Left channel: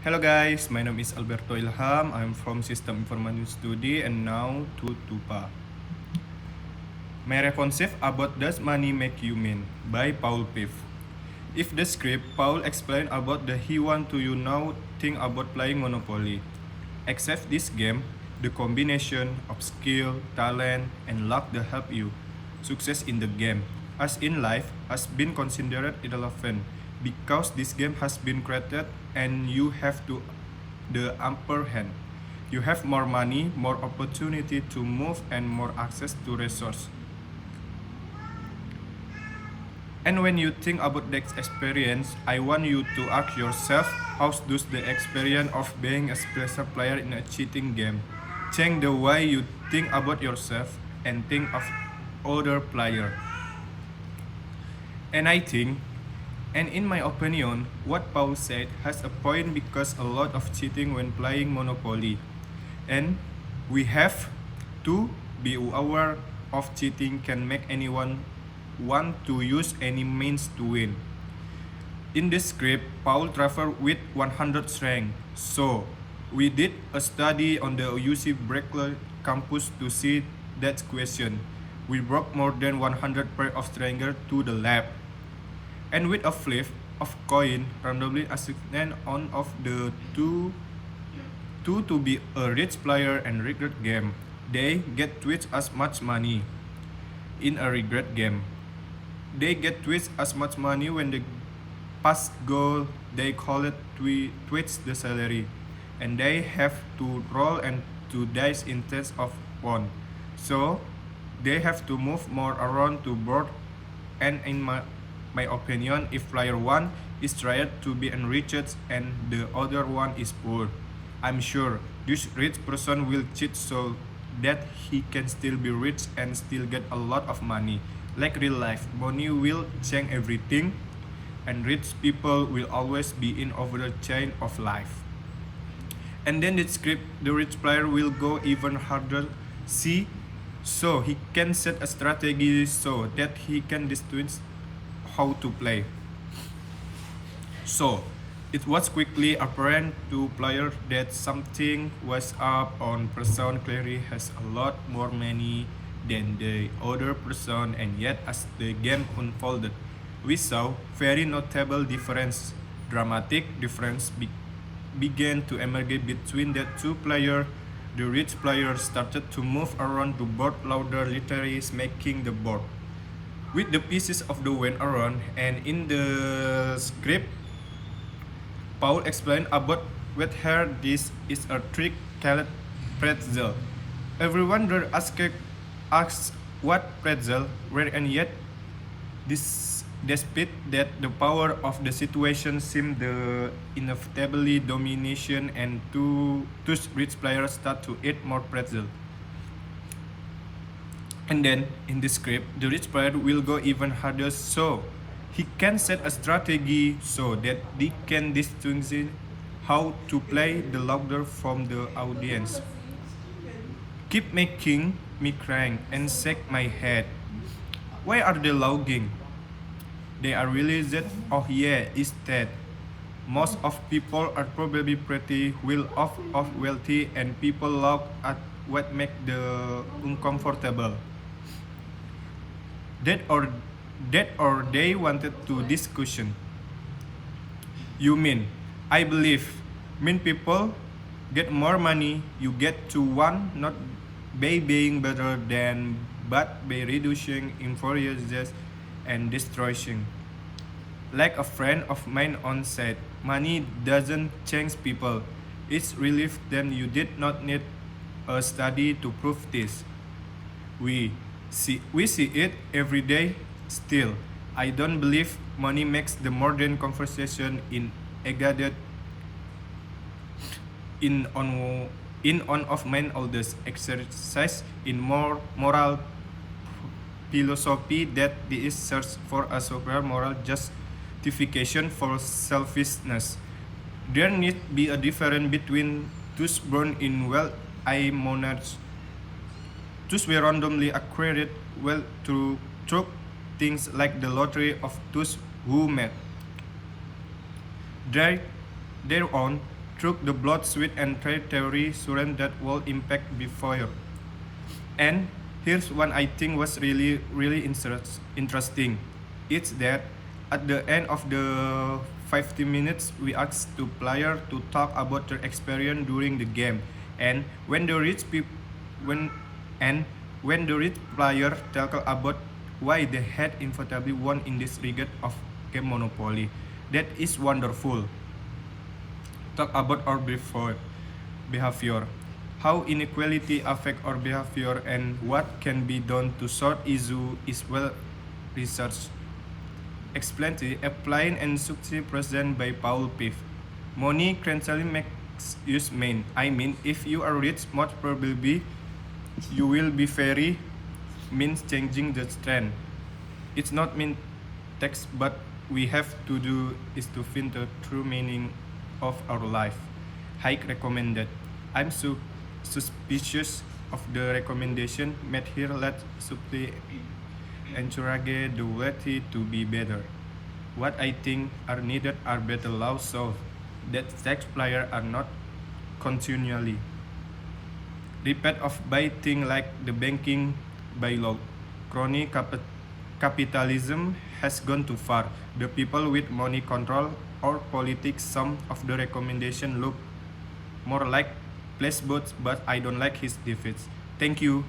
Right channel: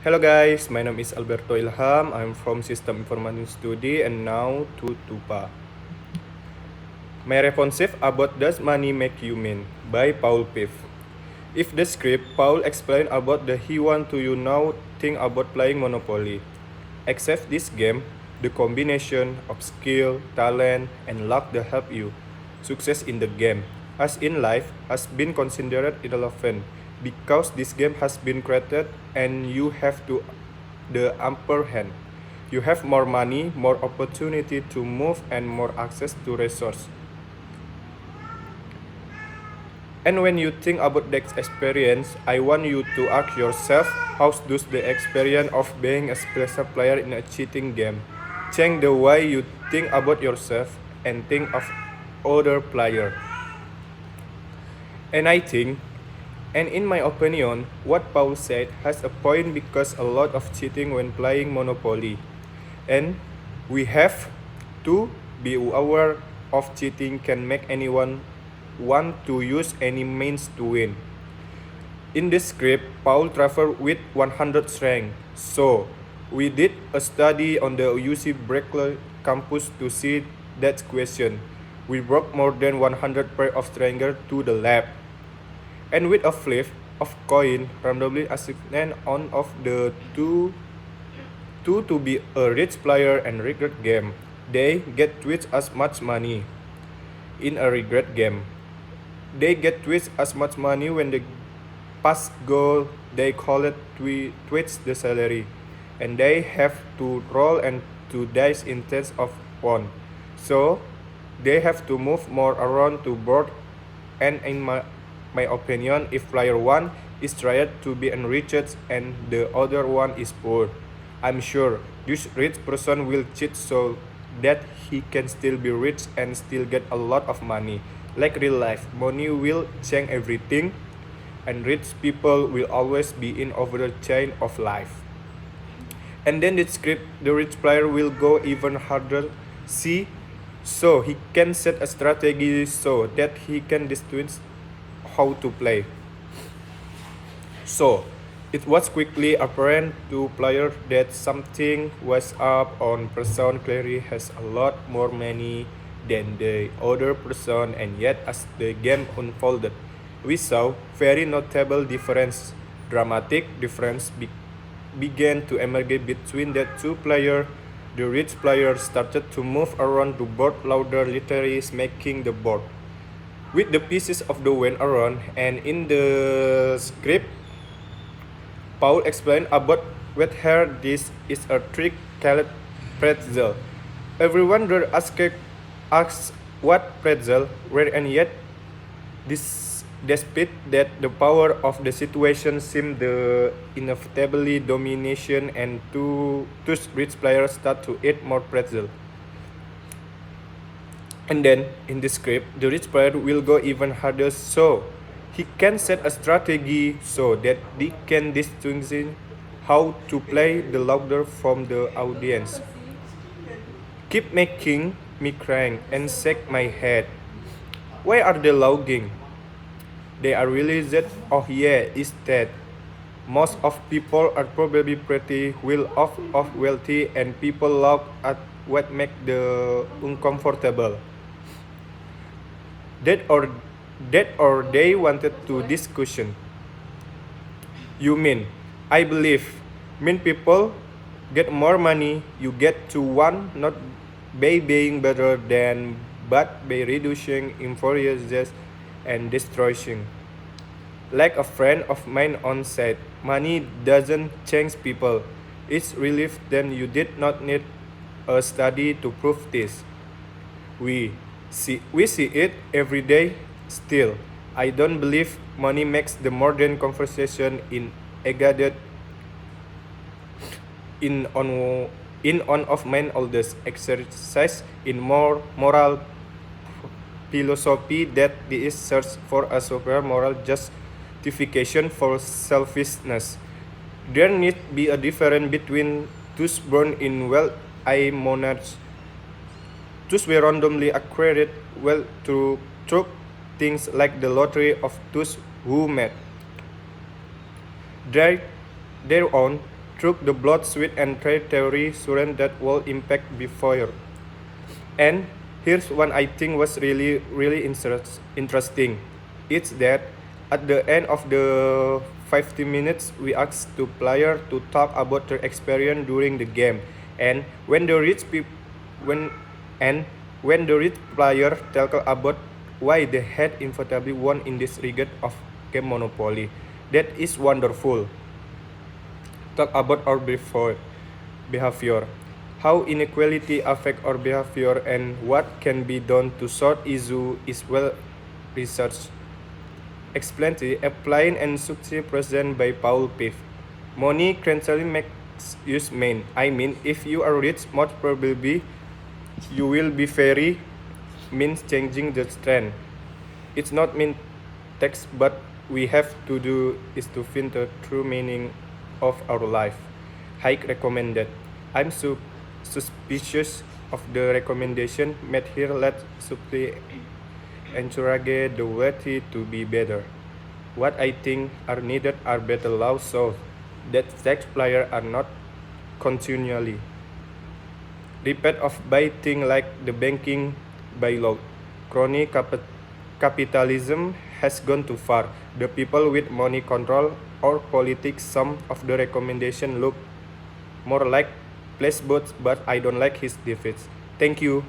Hello guys, my name is Alberto Ilham. I'm from System Information Study and now to Tupa. My responsive about Does Money Make You Mean by Paul Piff. If the script, Paul explained about the he want to you now think about playing Monopoly. Except this game, the combination of skill, talent, and luck that help you success in the game, as in life, has been considered irrelevant because this game has been created and you have to the upper hand. You have more money, more opportunity to move, and more access to resources. And when you think about that experience, I want you to ask yourself, how does the experience of being a special player in a cheating game change the way you think about yourself and think of other players? And I think, and in my opinion, what Paul said has a point because a lot of cheating when playing Monopoly. And we have to be aware of cheating can make anyone want to use any means to win. In this script, Paul traveled with 100 strength. So, we did a study on the UC Berkeley campus to see that question. We brought more than 100 pair of strangers to the lab. And with a flip of coin randomly assigned on of the two to be a rich player and regret game, they get twice as much money. In a regret game, they get twice as much money when they pass goal. They call it twice the salary, and they have to roll and to dice instead of one. So they have to move more around to board. And in my opinion, if player 1 is tried to be enriched and the other one is poor, I'm sure this rich person will cheat so that he can still be rich and still get a lot of money. Like real life, money will change everything, and rich people will always be in over the chain of life. And then the script, the rich player will go even harder. See, so he can set a strategy so that he can distinguish how to play. So, it was quickly apparent to players that something was up on person clearly has a lot more money than the other person, and yet as the game unfolded, we saw very notable difference. Dramatic difference began to emerge between the two players. The rich player started to move around the board louder, literally making the board with the pieces of the went around. And in the script, Paul explained about whether this is a trick called pretzel. Everyone there asks what pretzel were, and yet this despite that the power of the situation seemed the inevitably domination, and two rich players start to eat more pretzel. And then in the script, the rich player will go even harder so he can set a strategy so that they can distinguish how to play the louder from the audience. Keep making me crank and shake my head. Why are they logging? They are really that. Oh yeah, is that. Most of people are probably pretty well off of wealthy, and people laugh at what make the uncomfortable. That or they wanted to discussion. You mean, I believe, mean people get more money, you get to one not by being better than, but by reducing injustice and destroying. Like a friend of mine once said, money doesn't change people. It's relief then you did not need a study to prove this. We see it every day still. I don't believe money makes the modern conversation in engaged in on of mine oldest exercise in more moral philosophy that is search for a superior moral justification for selfishness. There need be a difference between those born in well-I monarchs, those were randomly acquired well through things like the lottery, of those who made their own through the blood, sweat, and trade theory surrender that will impact before. And here's one I think was really interesting. It's that at the end of the 50 minutes, we asked the player to talk about their experience during the game. And when the when and when the rich player talk about why they had inevitably won in this regard of game Monopoly, that is wonderful. Talk about our behavior, how inequality affect our behavior, and what can be done to sort issue is well researched. Explained, applying and success present by Paul Piff. Money gradually makes you mean. I mean, if you are rich, most probably you will be very means changing the trend. It's not mean text, but we have to do is to find the true meaning of our life. Hike recommended. I'm suspicious of the recommendation made here. Let's simply encourage the way to be better. What I think are needed are better laws so that tax players are not continually repeat of by things like the banking bylaw. Crony capitalism has gone too far. The people with money control or politics. Some of the recommendation look more like placebos, but I don't like his defeats. Thank you.